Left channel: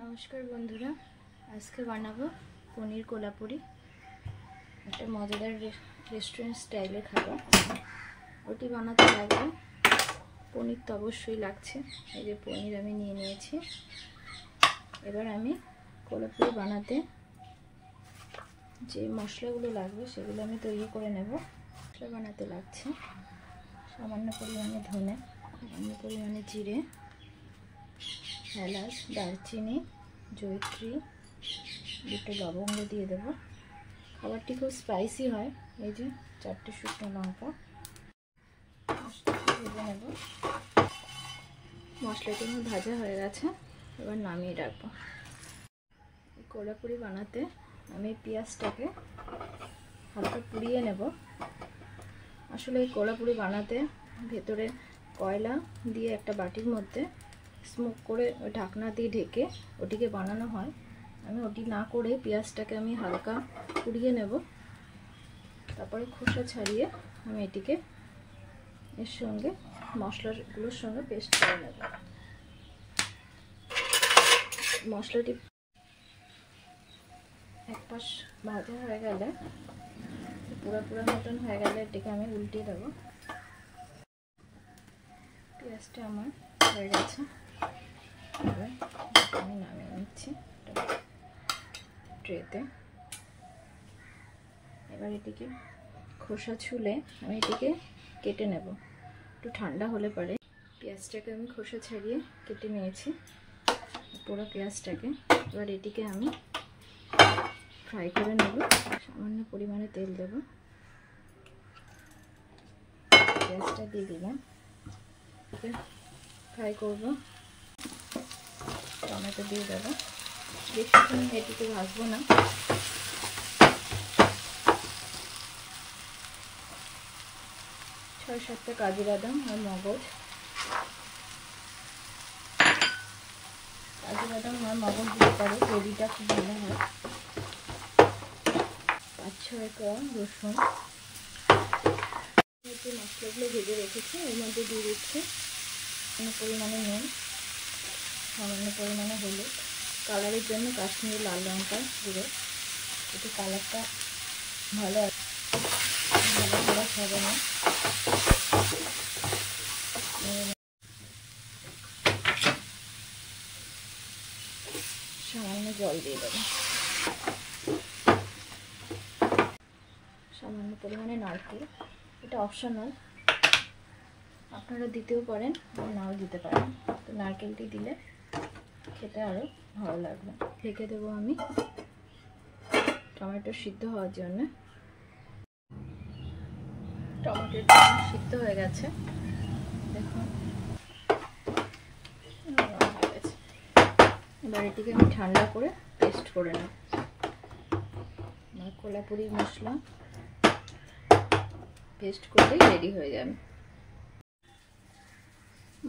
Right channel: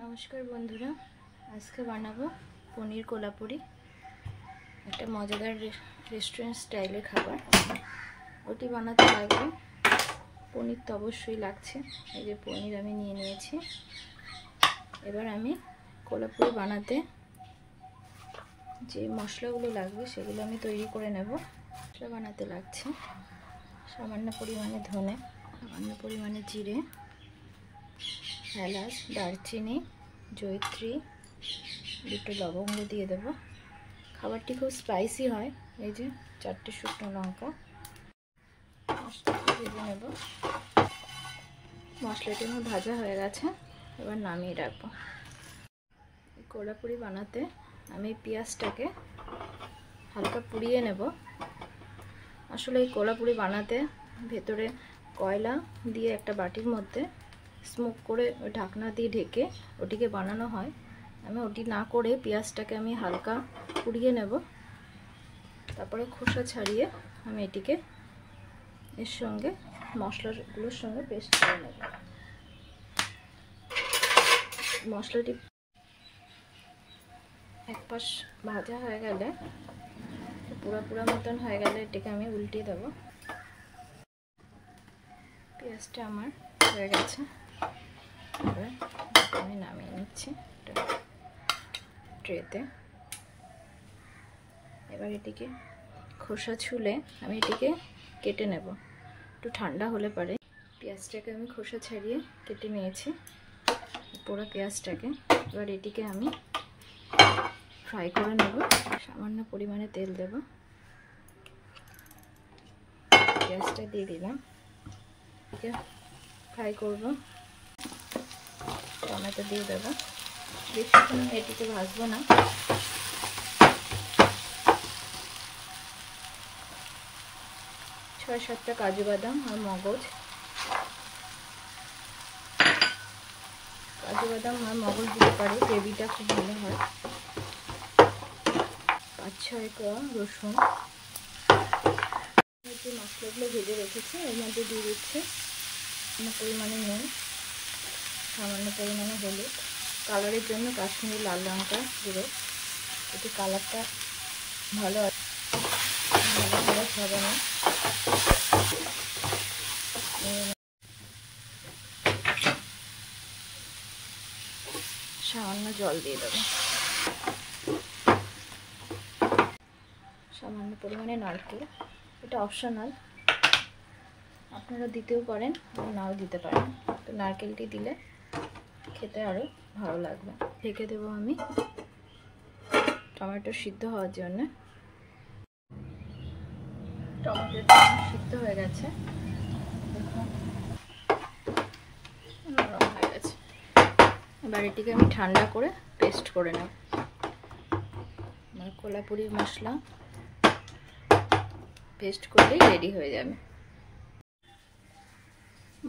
नमस्कार बंधुरा आज के बनाबो पनीर कोलापुरी एक मजेदार रेस्टुरेंट स्टाइले खाबार ओटी बनाते लागबे पनीर तो अवश्यई लागछे এই যে पनीर আমি নিয়ে নিয়েছি এবার আমি কোলাপুরি বানাতে যে মশলাগুলো লাগবে সেগুলো আমি তৈরি করে নেব মশলা বানাতে লাগছে সামান্য পরিমাণে ধনে সামান্য পরিমাণে জিরে এলাচ দারচিনি জয়িত্রী দুটো লবঙ্গ দিয়ে দেব খাবারটি খুব স্পাইসি হয় এই যে চারটে শুকনো লঙ্কা ভেজে নেব মশলাটি আমার ভাজা হয়ে গেছে এবার নামিয়ে রাখবো এই কোলাপুরি বানাতে আমি পেঁয়াজটাকে হালকা পুড়িয়ে নেব আসলে এই কোলাপুরি বানাতে ভেতরে কয়লা দিয়ে একটা বাটির মধ্যে স্মোক করে ওই ঢাকনা দিয়ে ঢেকে ওটিকে বানানো হয় আমি ওটি না করে পেঁয়াজটাকে আমি হালকা পুড়িয়ে নেব তারপরে খোসা ছাড়িয়ে আমি এটিকে এর সঙ্গে মশলাগুলোর সঙ্গে পেস্ট করে নেব মশলাটি এক পাশ ভাজা হয়ে গেলে পুরো মতন হয়ে গেলে এটিকে আমি উল্টিয়ে দেব পেঁয়াজটা আমার হয়ে গেছে এবার আমি নামিয়ে নিচ্ছি ট্রেতে এবার এটিকে খোসা ছুলে আমি এটিকে কেটে নেব একটু ঠান্ডা হলে পরে পেঁয়াজটাকে আমি খোসা ছাড়িয়ে কেটে নিয়েছি পুরো পেঁয়াজটাকে এবার এটিকে আমি ফ্রাই করে নেব সামান্য পরিমাণে তেল দেব পেঁয়াজটা দিয়ে দিলাম ফ্রাই করব টমেটো দিয়ে দেবো বেশিক্ষণ এটিকে ভাজবো না 6-7টা কাজু বাদাম আর মগজ দিতে পারে গ্রেভিটা খুব ভালো হয় 5-6 কোয়া রসুন একটু মশলাগুলো ভেজে রেখেছি এর মধ্যে দিয়ে দিচ্ছি পরিমাণে নুন সামান্য পরিমাণে হলুদ কালারের জন্য কাশ্মীরি লাল লঙ্কা গুঁড়ো এতে কালারটা ভালো আছে হবে না সামান্য জল দিয়ে দেবো সামান্য পরিমাণে নারকেল এটা অপশনাল আপনারা দিতেও পারেন নাও দিতে পারেন তো নারকেলটি দিলে খেতে আরও ভালো লাগবে ঢেকে দেবো আমি টমেটো সিদ্ধ হওয়ার জন্য টমেটোটা সিদ্ধ হয়ে গেছে দেখুন নরম হয়ে গেছে এবার এটিকে আমি ঠান্ডা করে পেস্ট করে নেব কোলাপুরি মশলা পেস্ট করলেই রেডি হয়ে যাবে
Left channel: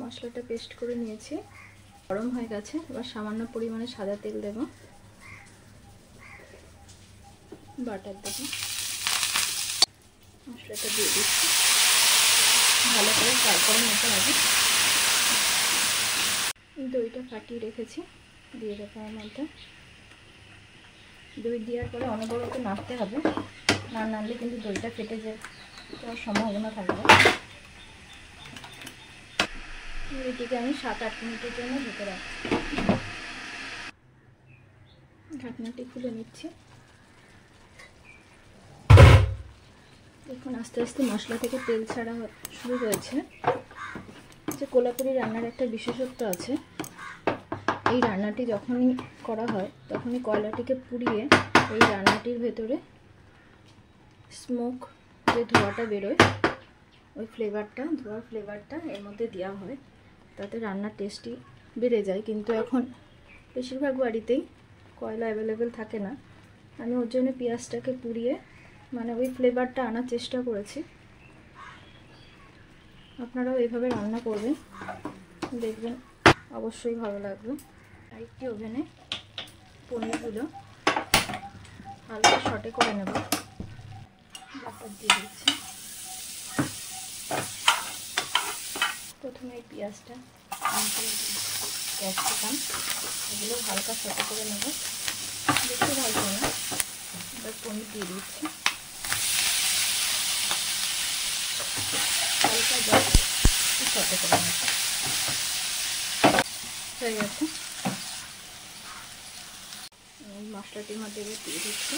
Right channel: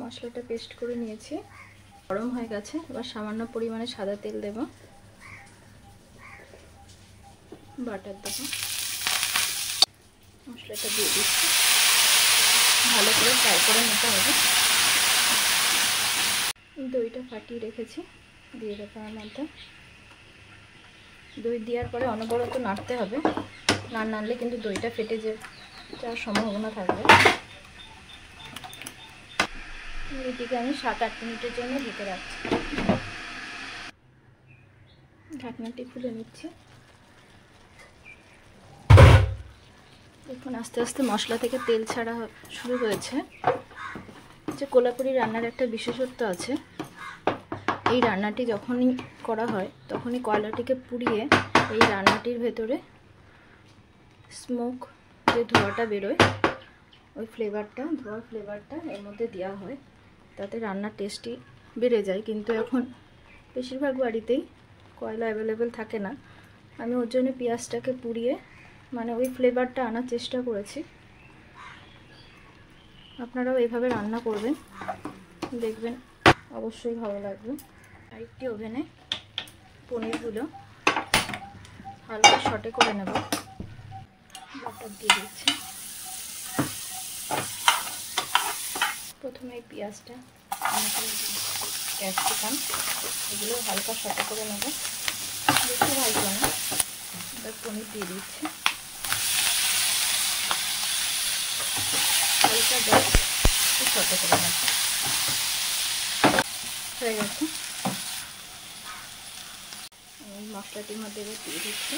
মশলাটা পেস্ট করে নিয়েছি গরম হয়ে গেছে এবার সামান্য পরিমাণে সাদা তেল দেব বাটার দেব মশলাটা দিয়ে দিচ্ছি ভালো করে ফ্রাই করে নিতে হবে দইটা ফাটিয়ে রেখেছি দিয়ে দেবো আমার মধ্যে দই দেওয়ার পরে অনবরত নাড়তে হবে না নাড়লে কিন্তু দইটা ফেটে যাওয়ার সম্ভাবনা থাকবে এটিকে আমি 7-8 মিনিটের জন্য ঢেকে রাখছি ঢাকনাটি খুলে নিচ্ছি দেখুন আস্তে আস্তে মশলা থেকে তেল ছাড়া শুরু হয়েছে যে কোলাপুরি রান্নার একটা বিশেষত্ব আছে এই রান্নাটি যখনই করা হয় তখনই কয়লাটিকে পুড়িয়ে এই রান্নাটির ভেতরে স্মোক যে ধোঁয়াটা বেরোয় ওই ধোঁয়ার ফ্লেভারটা এর মধ্যে দেওয়া হয় তাতে রান্নার টেস্টই বেড়ে যায় কিন্তু এখন বেশিরভাগ বাড়িতেই কয়লা অ্যাভেলেবেল থাকে না আমি ওর জন্য পেঁয়াজটাকে পুড়িয়ে মানে ওই ফ্লেভারটা আনার চেষ্টা করেছি আপনারাও এইভাবে রান্না করবেন দেখবেন অবশ্যই ভালো লাগবে আরেকটি ওভেনে পনিরগুলো হালকা শর্টে করে নেব বাটার দিয়ে দিচ্ছি প্রথমে পেঁয়াজটা ক্যাপসিকাম, এগুলো হালকা সাথে করে নেব, বেশি ভাজবো না। এবার পনির দিয়ে দিচ্ছি, হালকা জল সাথে করে নেব। হয়ে গেছে। এই মশলাটির মধ্যে এবার দিয়ে দিচ্ছি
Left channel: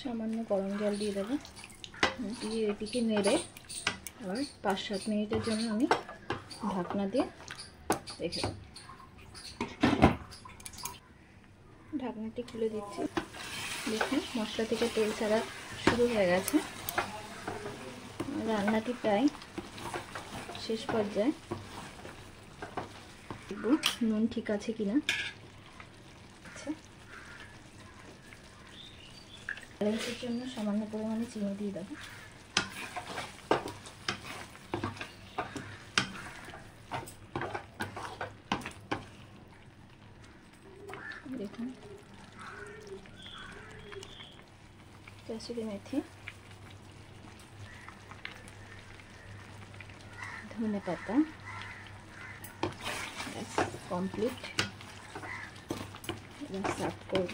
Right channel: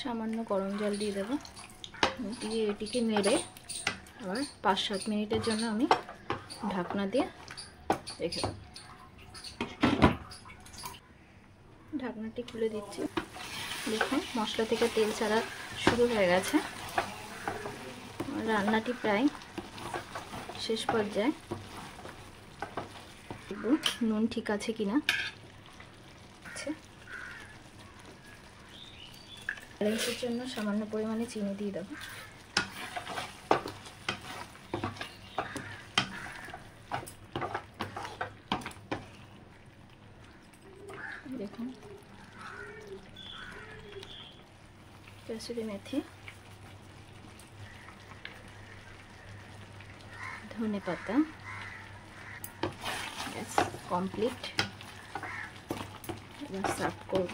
সামান্য গরম জল দিয়ে দেবো, দিয়ে এটিকে নেড়ে আবার 5-7 মিনিটের জন্য আমি ঢাকনা দিয়ে রেখে দেবো। ঢাকনাটি খুলে দিচ্ছি, দেখুন মশলা থেকে তেল ছাড়া শুরু হয়ে গেছে। রান্নাটি প্রায় শেষ পর্যায়ে, দেখব নুন ঠিক আছে কিনা। ব্যালেন্সের জন্য সামান্য পরিমাণে চিনি দিয়ে দেবো। দেখুন কাসুরি মেথি, ধনে পাতা, কমপ্লিট। এবার সার্ভ করব,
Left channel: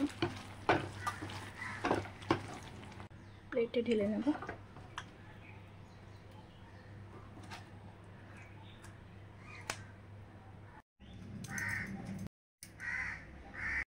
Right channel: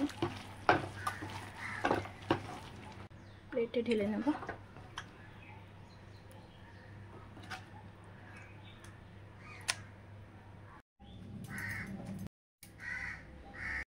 প্লেটে ঢেলে নেব।